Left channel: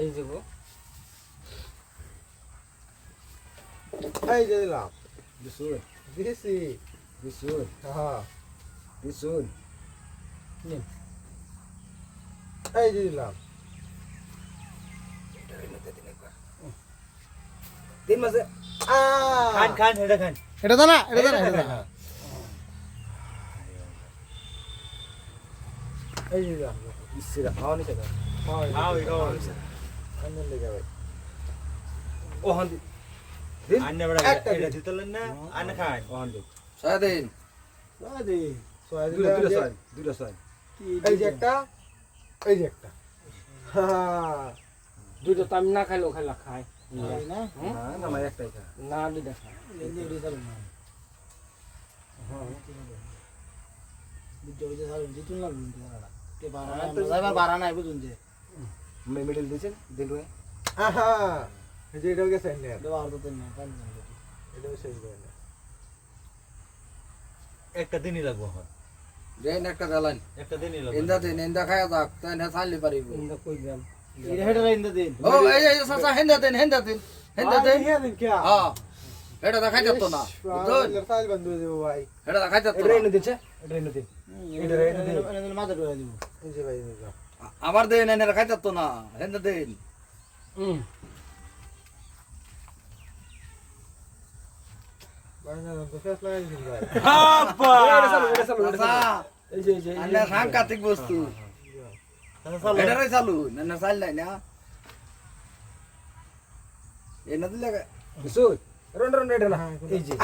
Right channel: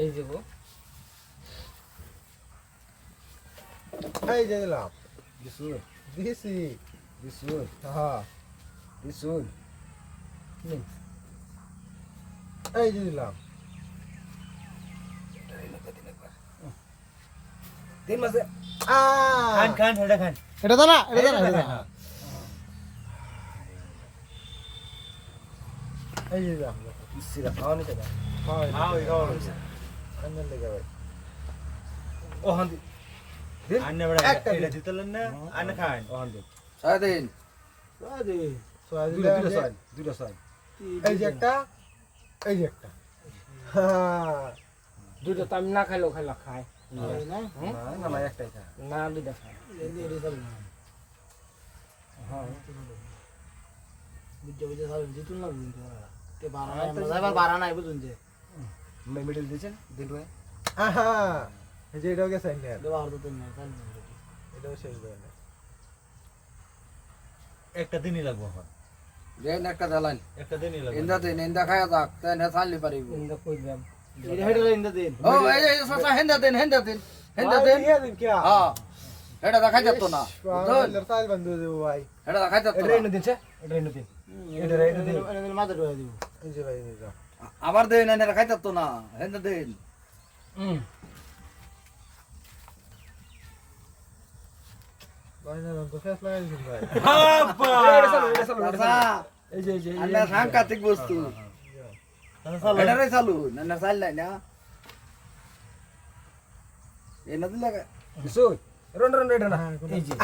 এই যে গো এই যে দিলাম বিশুল দিছি বিশুল হ্যাঁ বিশুল নিন এই যে দিলাম তিন মাসে খান খান এটা খান এটা তো না এটা তো না এটা তো না এই যে দিলাম ইসিরা খাওয়ানি তো আন্দন লেগে ভাই ও হান্দি আন্নে বড় একটা এটা দিতলেন না আন্নে খান ও হান্দি সারাদিন দুইটা ছয় এই যে একটা এই যে একটা দুটো তো আমি না খাইলেও খাইলা খায় না না একটাই খা না দুইটা খায় মিডল দিয়েছেন দিলু আহা এই যে এটাও গেছে না এটাও শেষ করে না একটা দিনই লাগবো হয় দেন একটা দালান একটা দিনই লাগবে ইন্দা দিন ইন্দা খায়া যাক তাই না চালি পারিব ইন্দা কই দিলাম ও এই এই সাসা হেন্দা দেন হেন্দা দেন হ্যাঁ এটা দেখাই যেত না সাইল বন্ধু দেবো ভাই এটা দেখাই যেত এটা এনে দিছে এটা এনে দিন এটা দিন এই যে ভাই এই যে আবার দেন এনে দেখাই যেত না হেন্দা দেন ভাই না তো শেষ লাগাই দিন ভাই এই যে আল্লাহ সাংঘাতিক বস্তু এটারে চালু না চাল নাই না এনা দিলে বিশুল রন রন এটা না এই যে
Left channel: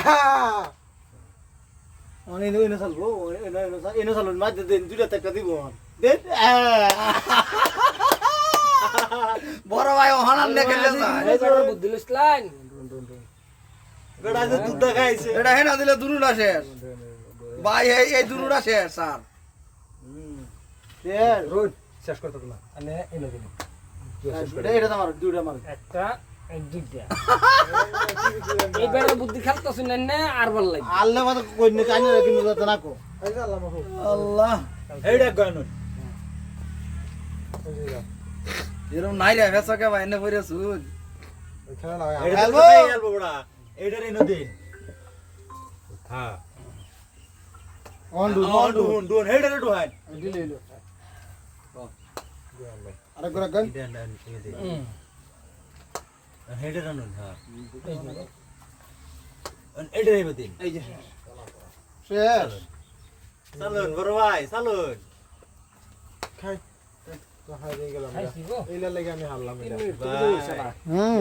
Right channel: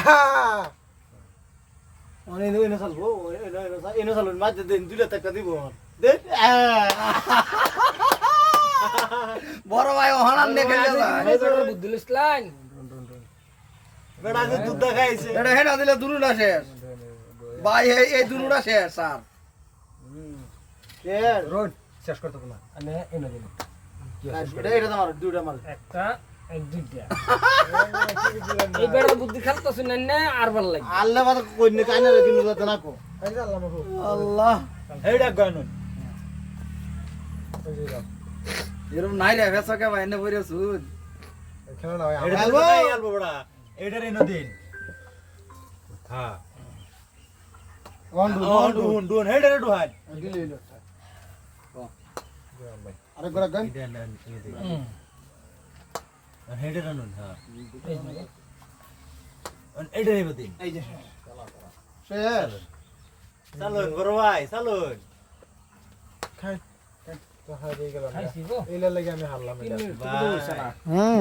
বড় ভাই ওহানান দেখে এই বেটার বুদ্ধি লইছলাম বেটা যে দুধ খাইছে এটা হেনা দিলে দুরুটা শেষ ভাই এই দুরুটা শেষ স্যার রোজ শেষ করতে না আনে এনে দিন একটা এক দুইটা এই বেটার বুদ্ধি খালতাছ না আর ভাল লাগে এই যে আল্লাহ মাফু আল্লাহ এইটা গানো এই যে দিলাম এরকম নাই রে ভেসকে ভাই এনে পড়ে সুদ এই খেলা না ভাই এটা আমার তো তাই আলবো বড়া এইটার এনে দিন হ্যাঁ ডুন ডুন এইটার ডুহাই দিলাম ভাই এটা না এনে দিন এইটার আনুন হ্যাঁ এইটার এনে দিন এই যে চালুন বড় ভাই চালুন খাই তো হারিয়ে গেলাম খাইছি গো এইলা লাগে আমি হারলাম 3 মিনিট তো হইছে না হুম